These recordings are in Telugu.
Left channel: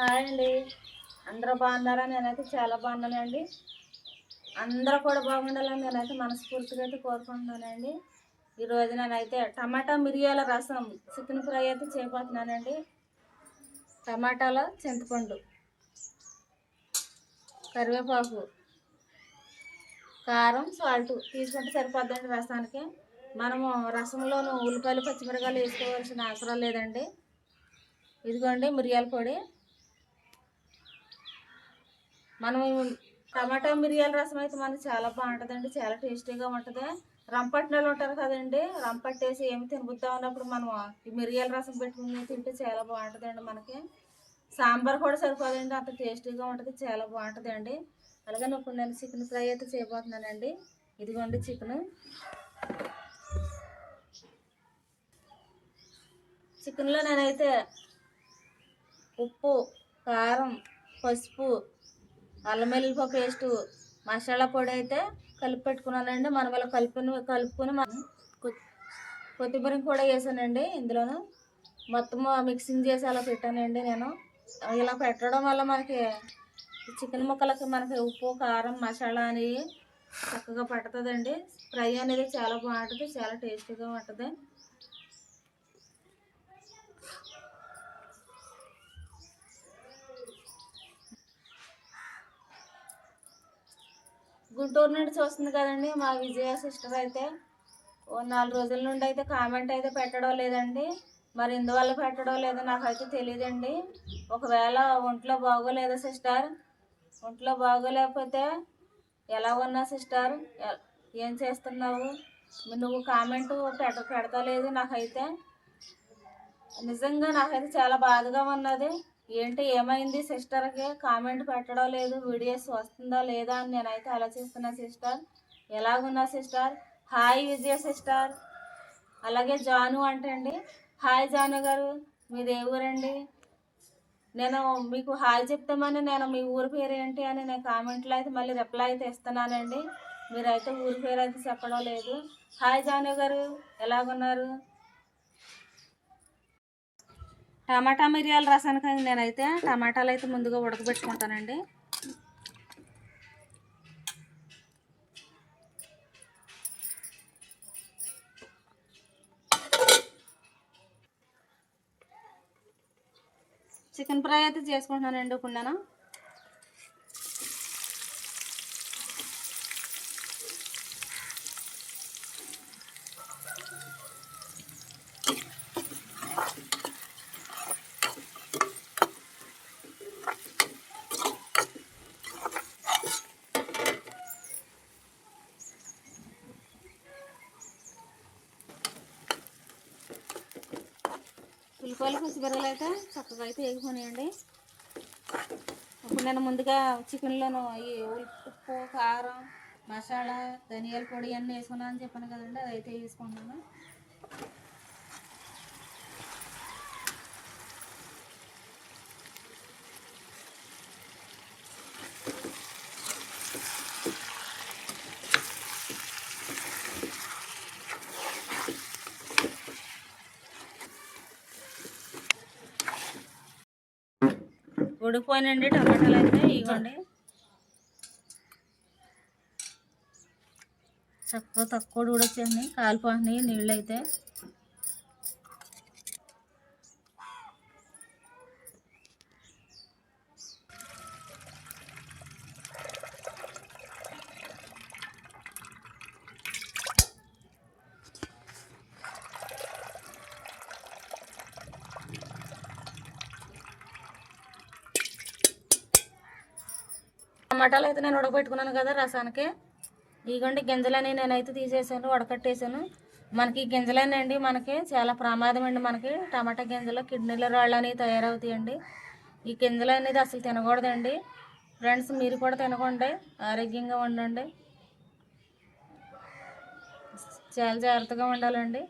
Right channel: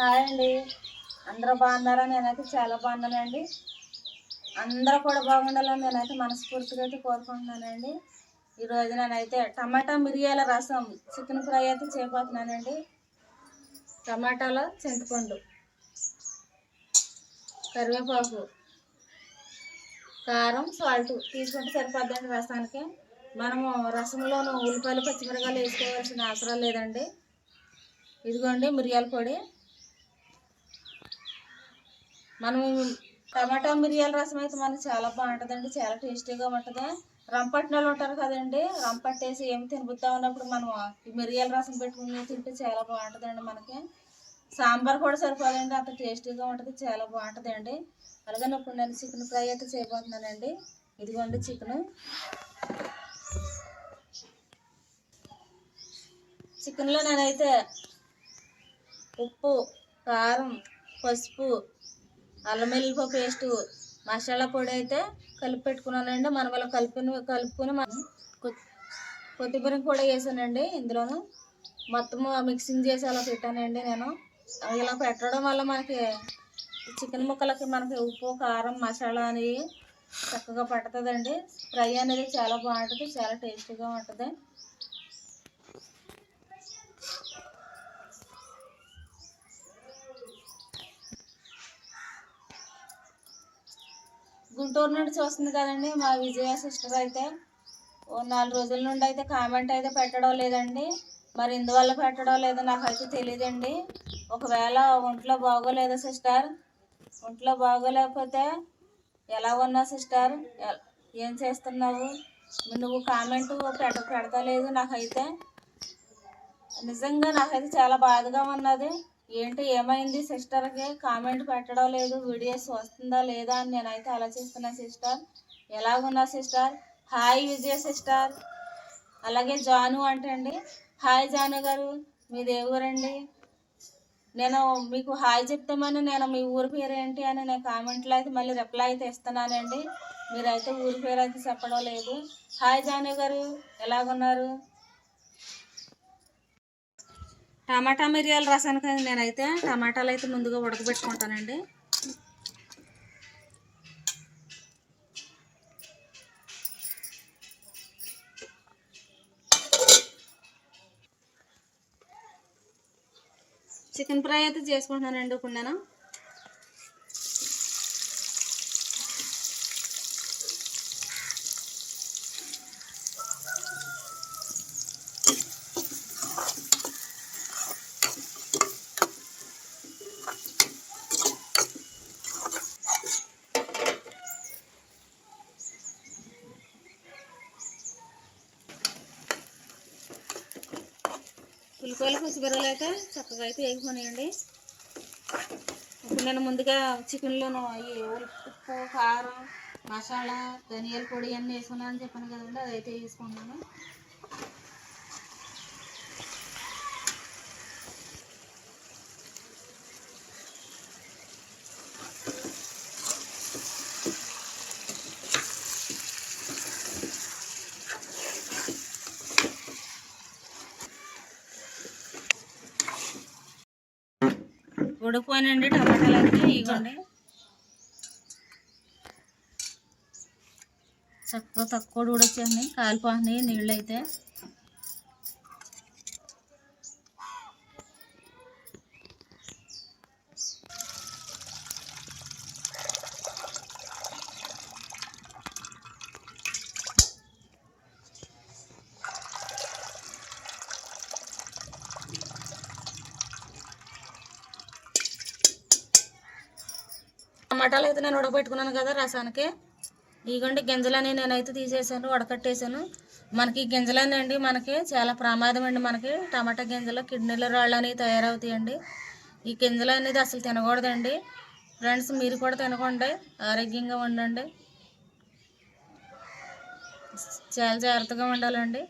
హాయ్ అండి. అందరూ బాగున్నారా? నేనైతే చాలా బాగున్నానండి అందరూ కూడా బాగుండాలని నేనైతే మనస్ఫూర్తిగా అయితే కోరుకుంటున్నానండి. ఈరోజు నేనైతే టమాటా మిరియాల రసం చికెన్ ఫ్రై అయితే చేయబోతున్నానండి. టమాటాలో చింతపండు కరివేపాకు కారం సాల్ట్ తీసుకుంటే సరిపోద్దండి రసానికి. మనము రసంలోనూ ఉల్లిపాయలు పచ్చిమిరకాయలు వేసుకోవాల్సిన అవసరం లేదండి. ఇదిగోండి మిరియాల పొడి. మనం టమాటా మిరియాల రసం అయితే మనకి చాలా బాగుంటుందండి చాలా టేస్టీగా ఉంటుంది. రంపట్టిన ఉంటారు కదండి రంపట్టేసి ఏమి తినబుద్దాం అన్నప్పుడు మనం ఈ మిరియాల రసం పెట్టుకుని తింటే చాలా బాగుంటుందండి మనకి. సాంబార్ కూడా సరిపోదండి అంత టేస్టీగా ఉంటుంది చాలా బాగుంటుందండి. అలాగే ఇప్పుడు నేను చికెన్ ఫ్రై అయితే చేయబోతున్నానండి. ఇదిగోండి చికెన్. చికెన్లో నేనైతే ఉప్పు కారం పసుపు అల్లం వెల్లుల్లిపాయ పేస్టు మసాలా పొడి అయితే కలిపి పెట్టుకున్నానండి. మనం అలా కలుపుని కలుపుకొని మనం కొత్తిమీర కూడా వేసానండి ఇందులోను. మొత్తం మిక్సింగ్ చేసి అలా పెట్టానండి నేను. ఇలా పెట్టడం వల్ల మనకి చికెన్ ముక్కలకి మనకి ఉప్పు కారం మసాలా అనేవి చక్కగా పడుతుందండి. ఫ్రై అనేది చాలా బాగుంటుంది చాలా టేస్టీగా ఉంటుంది. గుంటూరు నుండి చూస్తుంది కదండి మా విజయ సిస్టర్ అయితే. ఓ నాలుగు రోజుల నుండి అయితే కామెంట్ అయితే పెట్టడం లేదండి. మరి ఇందువల్ల పెట్టడం లేదో నాకైతే తెలియదండి ఒకవేళ ఒంట్లో బాగోలేదా సిస్టర్? ఒంట్లో బాగోలేకపోతే ఎలా ఉన్నా సిస్టర్? ఏం చేస్తున్నావు? నువ్వు కామెంట్ పెడ పెడతలేదు నాకైతే. నిజంగా నాకైతే చాలా బాధగా ఉన్నది. ఏంటి ఏమైంది సిస్టర్కి? కామెంట్ పెట్టడం లేదు వీడియోస్ వస్తుందా లేదా అని నేనైతే ఆలోచిస్తున్నా సిస్టర్. ఎలాగున్నా సిస్టర్? Hi Vijaya sister. అలాగే జాను అంటండి. హాయ్ జాను గారు మీది ఏ ఊరండి నేను మీకు హాయ్ చెప్తామని నేను మీ ఊరి పేరు ఏంటి అని నేను కామెంట్లో అయితే మళ్ళీ రిప్లై అయితే ఇస్తున్నానండి. మీరైతే ఊరి పేరు అయితే చెప్పడం లేదు. హాయ్ జాను గారు ఎలాగున్నారు? టమాటా మిరియాల రసానికి నేనైతే. టమాటాలు అయితే ముందుగా ఉడకబెట్టుకుంటానండి. చికెన్ ఫ్రై అయితే చేసుకుంటున్నానండి ఇప్పుడు నేను ఉల్లిపాయలు పచ్చిమిరపకాయలు అయితే చక్కగా అయితే వేగిపోయాయండి ఇప్పుడు నేను ముందుగా చికెన్లోను ఈ ఉప్పు కారం మసాలా ధనియాల పొడి అన్నీ వేసుకున్నాను అని చెప్పాను కదండి అదైతే వేసుకున్నాను. ఉడికిపోయినండి టమాటాలు అయితే ఇవ్వండి. చక్కగా తక్కువ ఉడొచ్చేయండి కాలిపోతున్నాయి నీళ్ళు అయితే టమాటాలు అయితే నేను ఉడకబెట్టుకున్నాను కదా రసానికి. ఇదిగోండి గింజలని నేనైతే తీసేసాను ఉడకట్టేసాను. మనకి ఈ గింజలనండి మనకి చాలా ప్రమాదం అండి మనకి. టమాటా గింజలు కిడ్నీల రాళ్ళు అనేవి తయారవుతాయండి. ఈ గింజలు అనేది అసలు తినకూడదండి. ఫ్రెండ్స్ మీరు కూడా తినకండి. ఆరోగ్యంగా ఉండండి. చాలా జాగ్రత్తగా ఉండాలండి.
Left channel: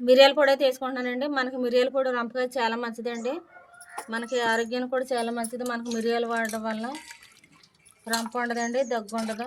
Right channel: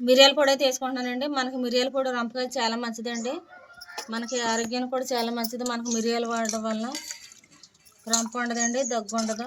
మిరియాల పొడి అయితే వేసుకుంటున్నానండి. మనకి మిరియాల పొడి రంపకాయ చాలా మంచిదండి. మనకి ఆరోగ్యానికి కూడా చాలా మంచిది. మనకు మిరియాలు వాడడం వల్ల రంప ఉండదండి దగ్గు ఉండదు.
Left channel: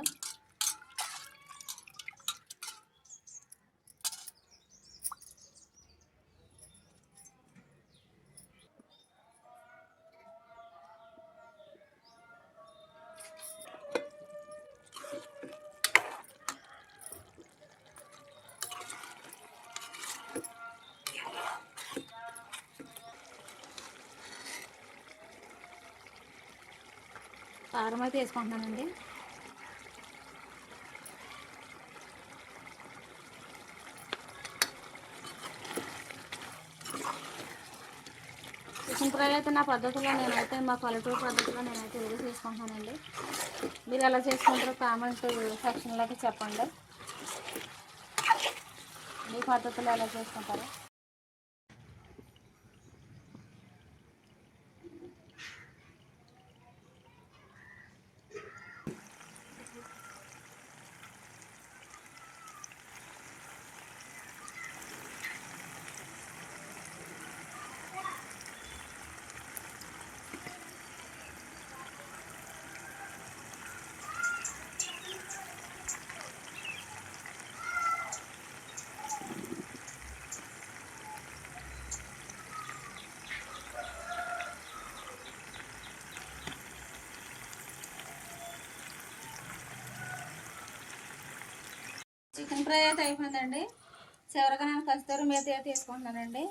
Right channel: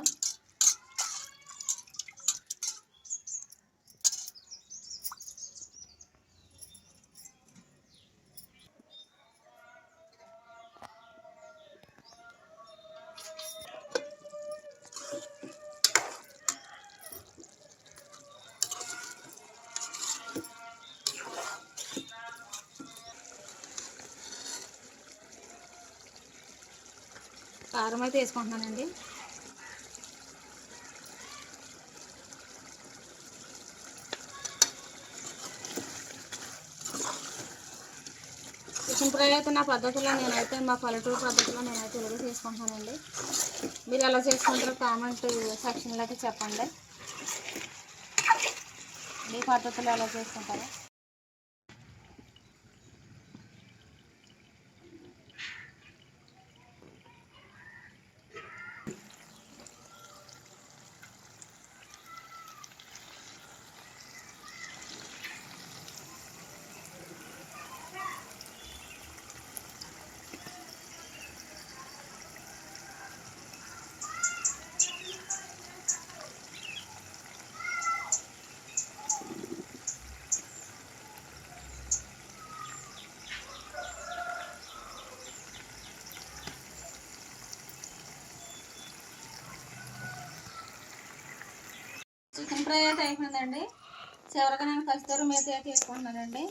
కారం అయితే వేసుకుంటున్నానండి. చికెన్ ఫ్రై అయితే నా పద్ధతిలో నేనైతే మా పల్లెటూరు పద్ధతిలో నేనైతే ఏదో చేసుకుంటున్నానండి. మీరు ఎలా చేసుకుంటారో కామెంట్ సెక్షన్లోకి చెప్పండి. మీ పద్ధతిలో ఎలా చేసుకుంటారో చికెన్ ఫ్రై అయితే అయిపోయిందండి. చివరిగా నేను కస్తూరి మేతి అయితే వేసుకుంటున్నానండి.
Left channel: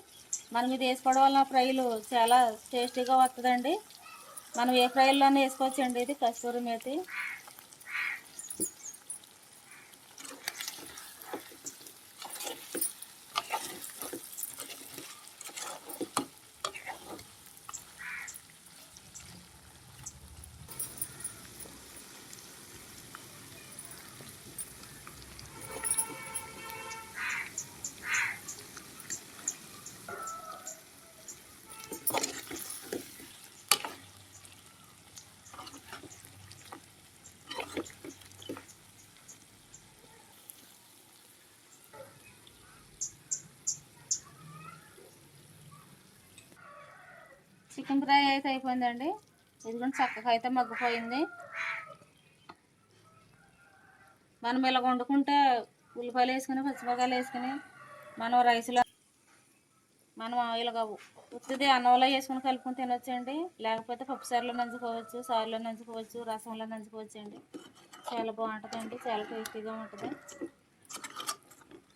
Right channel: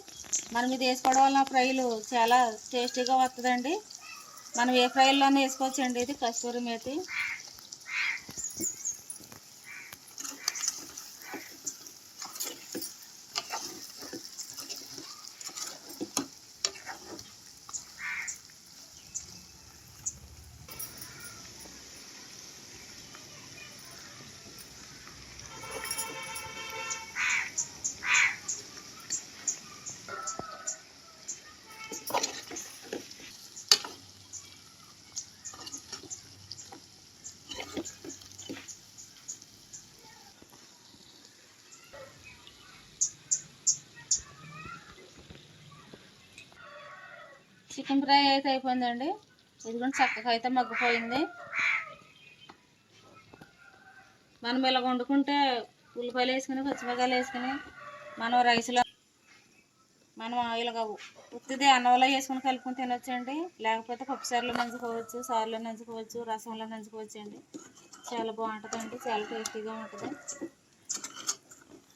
మనం ఇది వేసుకోవడం వల్ల ఫ్రైలు చాలా టేస్టీగా వస్తుందండి మనం ఏ ఫ్రైల్లోనే వేసుకోవచ్చండి ఇది కస్తూరి మేతి. చికెన్ ఫ్రై అయితే అయిపోయిందండి. ఇది కూడా చక్కగా అయితే మగ్గిపోయింది. మనం ఇలా వండుకుంటే ఉల్లిపాయలు వేసుకుని పచ్చిమిరకాయలు వేసుకుని మనం రైస్లో మనం ఇలాగ ఉత్తిది అన్నంలో వేసుకుని కలుపుకొని తినొచ్చండి. లేకపోతే పప్పుసారులో నంచుకోవచ్చు సారులో నంచుకోవచ్చు రసంలో నంచుకోవచ్చు అండి చాలా బాగుంటుందండి. చాలా టేస్టీగా ఉంటుంది.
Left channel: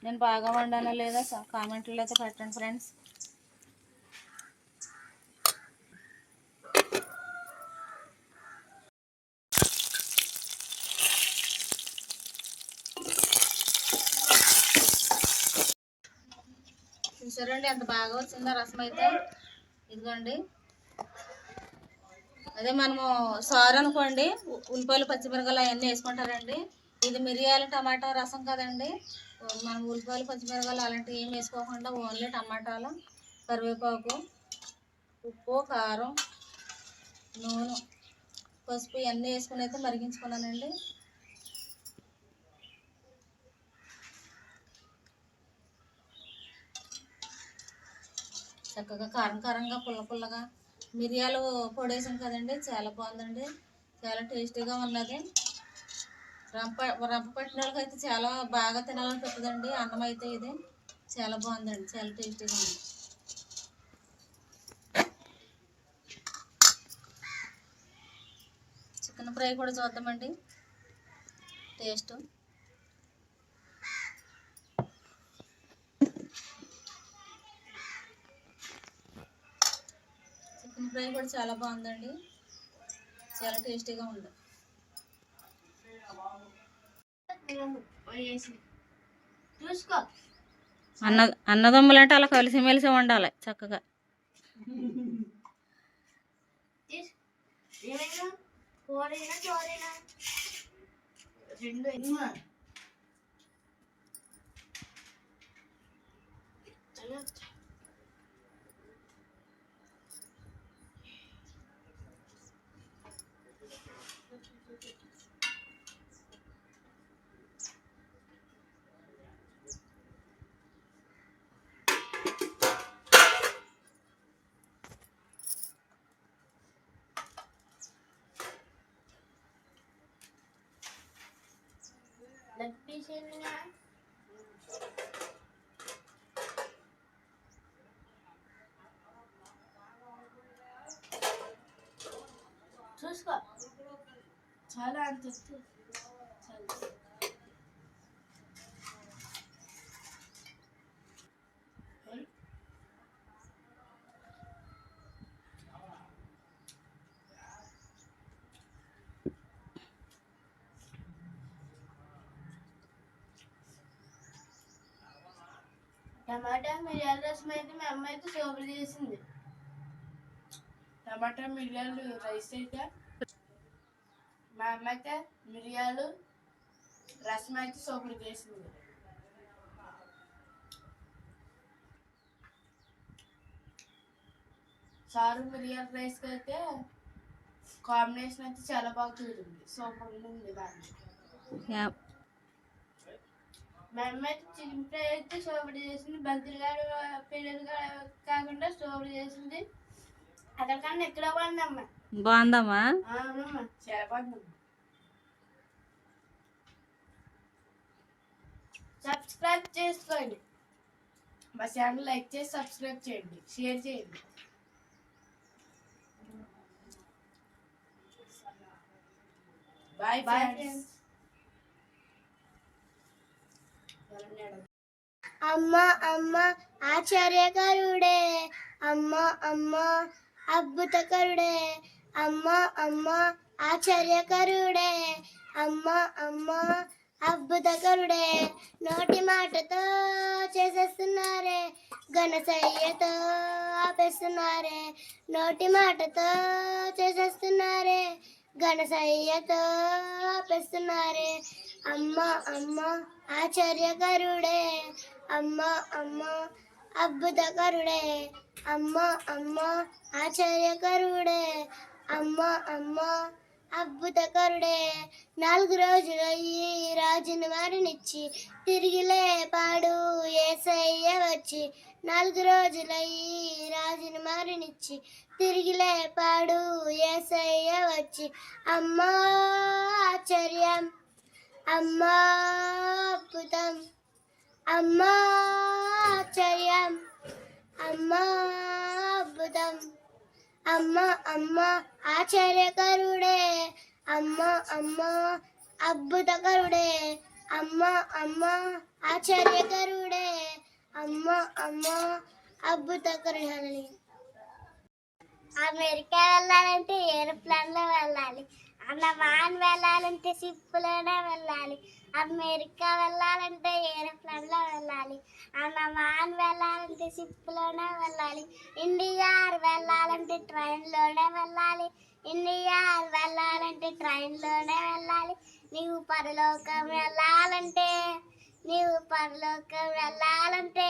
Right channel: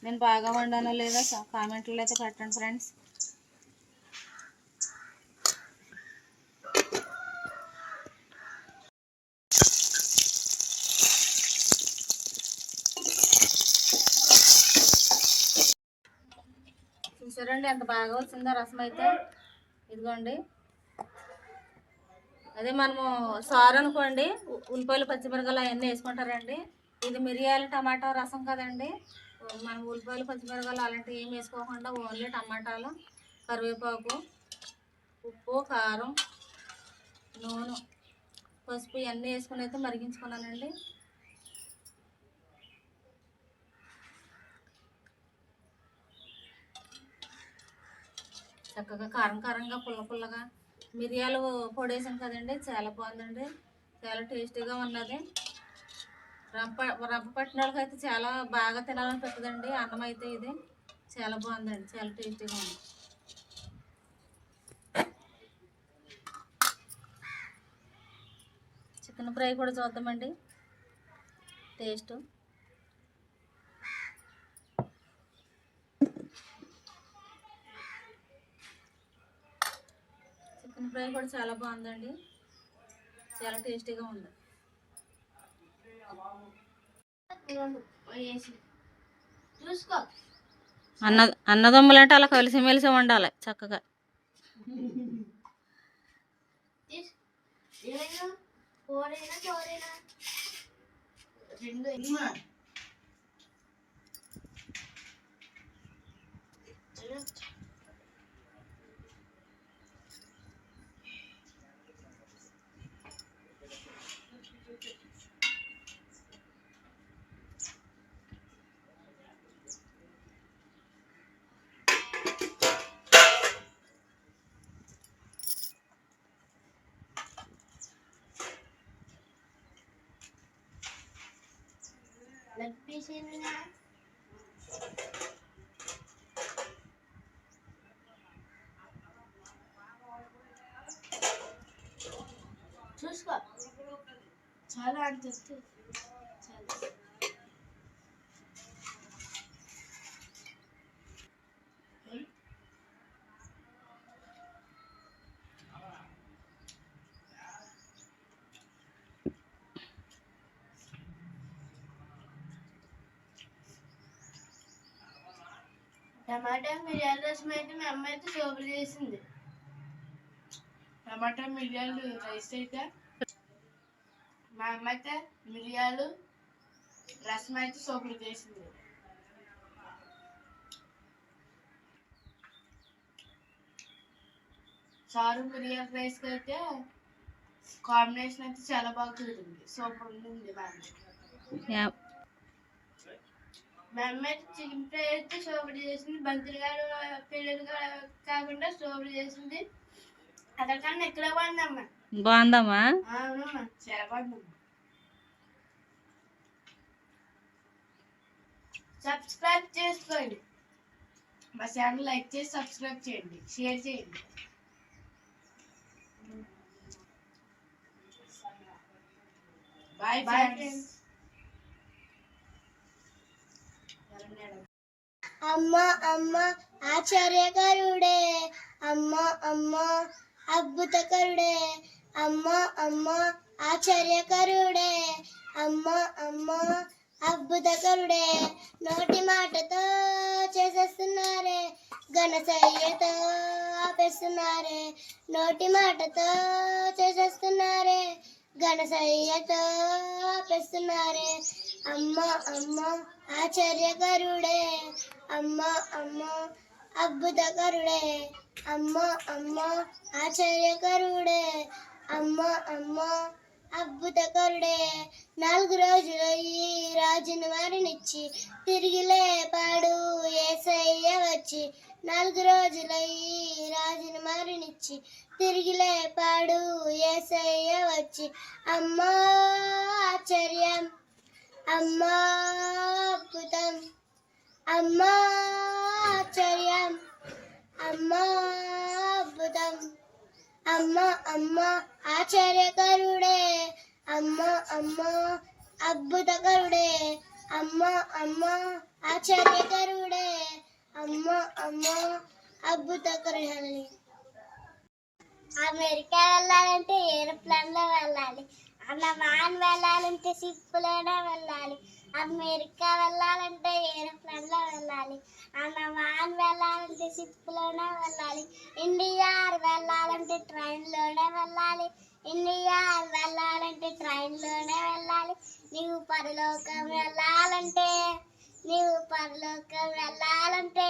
నేను బాగా వండానో లేదా కామెంట్లో అయితే పెట్టండి ఫ్రెండ్స్. చూడండి ఎంత బాగా వచ్చిందో రసం అయితే. ఇదిగోండి. అదే మనము సారు అనుకోండి ఉల్లిపాయలు పచ్చిమిరకాయలు అవన్నీ వేసుకుంటారండి. ఇది మిరియాల టమాటా రసం కదండి. మనం ఉల్లిపాయలు పచ్చిమిరకాయలు అలాంటివి ఏం వేసుకోకుండా ఓన్లీ టమాటాలు కరివేపాకు ఉప్పు కారం నూనె పసుపు ఇవన్నీ వేసుకుని అయితే మరిగించుకున్నానండి. చక్కగా కారం కారంగా పుల్ల పుల్లగా. మిరియాలు పొడేసాం కదండి చాలా బాగుందండి. చాలా టేస్టీగా ఉన్నది. రంప రంప అయితే చాలా బాగా తినాలనిపిస్తుందండి అన్నం అయితే ఇది. చాలా బాగుందండి చాలా టేస్టీగా ఉంది. చికెన్ ఫ్రై కూడా చూద్దామండి. టేస్ట్ చికెన్ ఫ్రై కూడా చాలా బాగుందండి. చాలా టేస్టీగా ఉంది. అన్న అన్నదమ్ములు అంటే అలా కలిసిమెలిసి చక్కగా. తీసు ఏమైనా కూరైనా చోరైనా రెండు అయినా తీసిందిగా చూసుకో చాలా అంత చాలా టమాటా మిరియాల రసం అయితే మా అమ్మ అయితే సూపర్ చేసింది. టమాటా మిరియాలు రైస్ అయితే? మా అమ్మ అయితే మిరియాలు రసం అయితే సూపర్ చేసింది. చారు మిరియాల రైస్ అయితే కాంబినేషన్ అయితే చాలా బాగా కుదిరింది సూపర్ ఉంది బాగా మా అమ్మ అయితే చికెన్ ఫ్రై అయితే సూపర్ చేసింది. బంతులు గారు పిల్లలు కాకుండా సూపర్ చేసింది. అక్కడికన్నా ఎక్కడ బాగుందమ్మా బాగుందమ్మా? అవునమ్మా. చాలా బాగుందమ్మా సబ్స్క్రైబ్ చేసుకోండి. మా ఛానల్ లైక్ చేసి సబ్స్క్రైబ్ చేయండి. షేర్ చేయండి. బాయ్ బాయ్ ఫ్రెండ్స్ అమ్మ అమ్మ ఆచార్యకరుడే అమ్మ అమ్మ అద్భుతకరుడే అమ్మ అమ్మ ఆచార్యకరుడే అమ్మ అమ్మ అద్భుతకరుడే నోటి మాటతో చేసేస్తున్నారే ఘనసయ్యతో ఆపేస్తున్నారే. నోటి మాటతో చేసేస్తున్నారే ఘనసయ్యతో ఆపేస్తున్నారే. అమ్మ అమ్మ ఆశ్చర్యకరుడే అమ్మ అమ్మ అద్భుతకరుడే అమ్మ అమ్మ ఆశ్చర్యకరుడే అమ్మ అమ్మ అద్భుతకరుడే నాలుగు రోజులు ఈ రాజుని వారినిచ్చి తిరిగి లేపాడు ఏసయ్య వచ్చి. నాలుగు రోజుల ఈ రాజుని మారినిచ్చి తిరిగి లేపాడు ఏసయ్య వచ్చి. అమ్మా ఆశ్చర్యం. అమ్మాపుతం అమ్మాచర్యం అమ్మా అమ్మ అమ్మ ఆశ్చర్యకరుడే అమ్మ అమ్మ అద్భుతకరుడే అమ్మ అమ్మ ఆశ్చర్యకరుడే అమ్మ అమ్మ అద్భుతకరుడే అమెరికా వెళ్ళాలంటే ఏరోప్లేన్లో వెళ్ళాలి. వెళ్ళాలి అన్నమాన్ వెళ్ళాలంటే షిప్లోనే వెళ్ళాలి. అమెరికా వెళ్ళాలంటే ఏరోప్లేన్లో వెళ్ళాలి అన్నమాన్ వెళ్ళాలంటే షిప్ వెళ్ళాలి. ఇండియా వెళ్ళాలంటే ట్రైన్లోనే వెళ్ళాలి. ఇండియా వెళ్ళాలంటే ట్రైన్లోనే వెళ్ళాలి. నీవు పరలోకం వెళ్ళాలంటే నీవు పరలోకం వెళ్ళాలంటే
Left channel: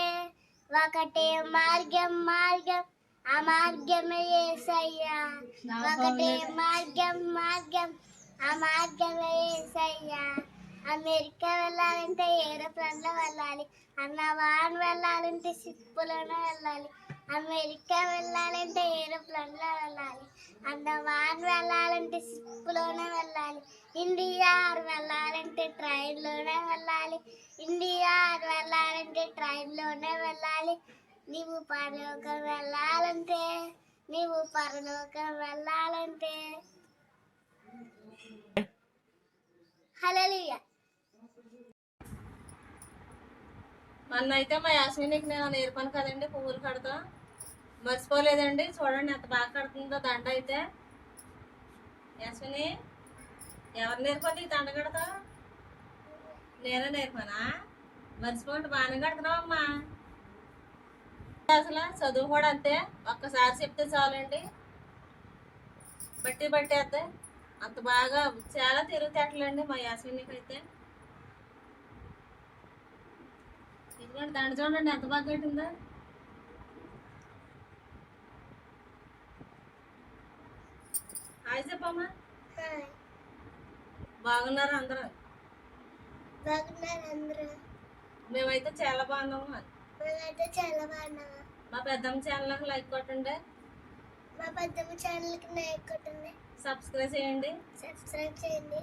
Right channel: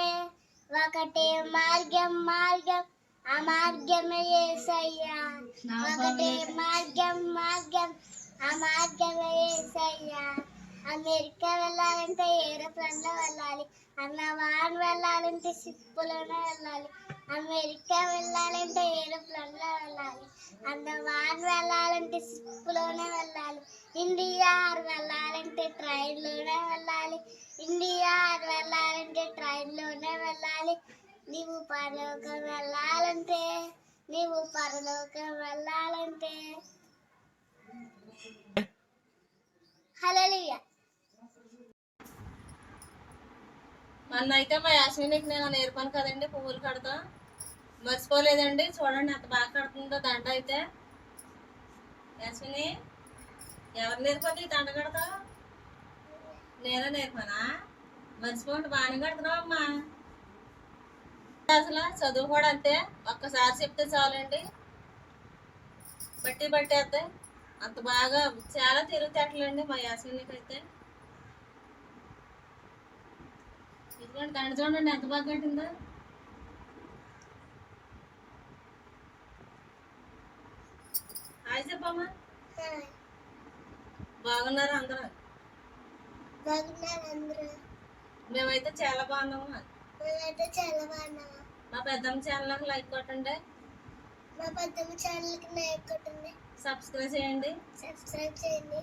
ఒకటే మార్గం మార్గం. ఆ మార్గమే ఏసయ్యా. ఒకటే మార్గం మార్గం ఆ మార్గమే ఏసయ్యా. అమెరికా వెళ్ళాలంటే ఏరోప్లేన్లో వెళ్ళాలి అన్నవాన్ వెళ్ళాలంటే షిప్పులోనే వెళ్ళాలి. అమెరికా వెళ్ళాలంటే ఏరోప్లేన్లో వెళ్ళాలి అన్నవాన్ వెళ్ళాలంటే షిప్పులోనే వెళ్ళాలి. ఇండియా వెళ్ళాలంటే ట్రైన్లోనే వెళ్ళాలి. ఇండియా వెళ్ళాలంటే ట్రైన్లోనే వెళ్ళాలి. నీవు పరలోకం వెళ్ళాలంటే నీవు పరలోకం వెళ్ళాలంటే. హలో మొన్న అయితే మా యాస్మినికి నేను నేర్పాను కదండి పువ్వులు కడతా. మర్చిపోలేదండి చూడండి ఎంత బాగా కడుతుందో దండ అయితే. యాస్మిని ఎవరు నేర్పండి ఈ దండ కడతా? నేనే నేర్పానా మర్చిపోండి బాగానే కడుతున్నావు అమ్మా అసలు చదువు కూడా అంతే. ఒక్కసారి చెప్తే చాలండి. బట్టి పట్టేస్తే అంత బాగా చాలా తిరుగుతేటలండి మా యాస్మినికి అయితే ఇదిగోండి దండ చూడండి ఎంత బాగా కట్టిందో. హాయ్ చెప్పమ్మా. బాగున్నారు అందరూ? బాగున్నారు అందరూ మేమైతే చాలా బాగున్నాము మేమైతే చాలా బాగున్నాము. మా పెద్దమ్మ ఛానల్కి లైక్ కొట్టండి. మా పెద్దమ్మ ఛానల్కి లైక్ కొట్టండి. సబ్స్క్రైబ్ చేయండి. సబ్స్క్రైబ్ చేయండి.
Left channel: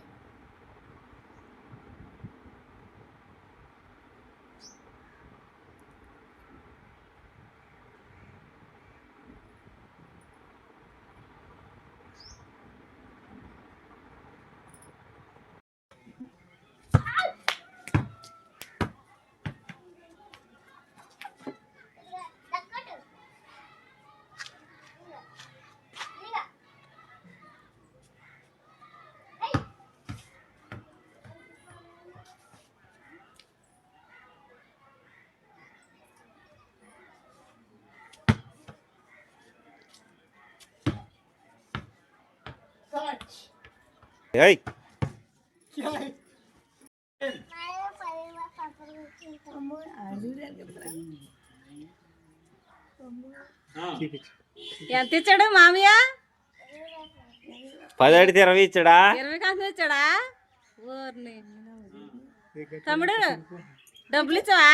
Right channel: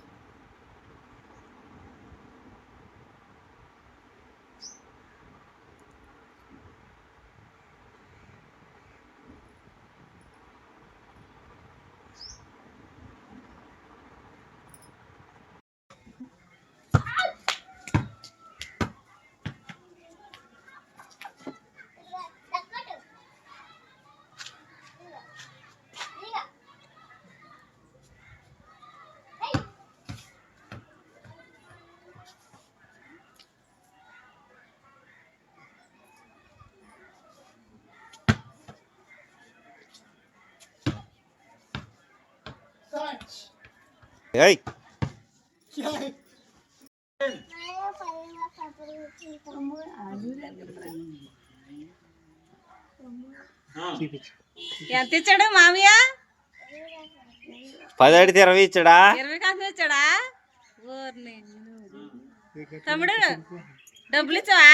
ఏయ్. ఎంత ఇచ్చాడు మామయ్య? పది అడిగితే ఇరవై ఇచ్చాడా? ఇరవై కాసు ఇచ్చాడా? తమ్ముడు డబ్బులు ఇచ్చావా?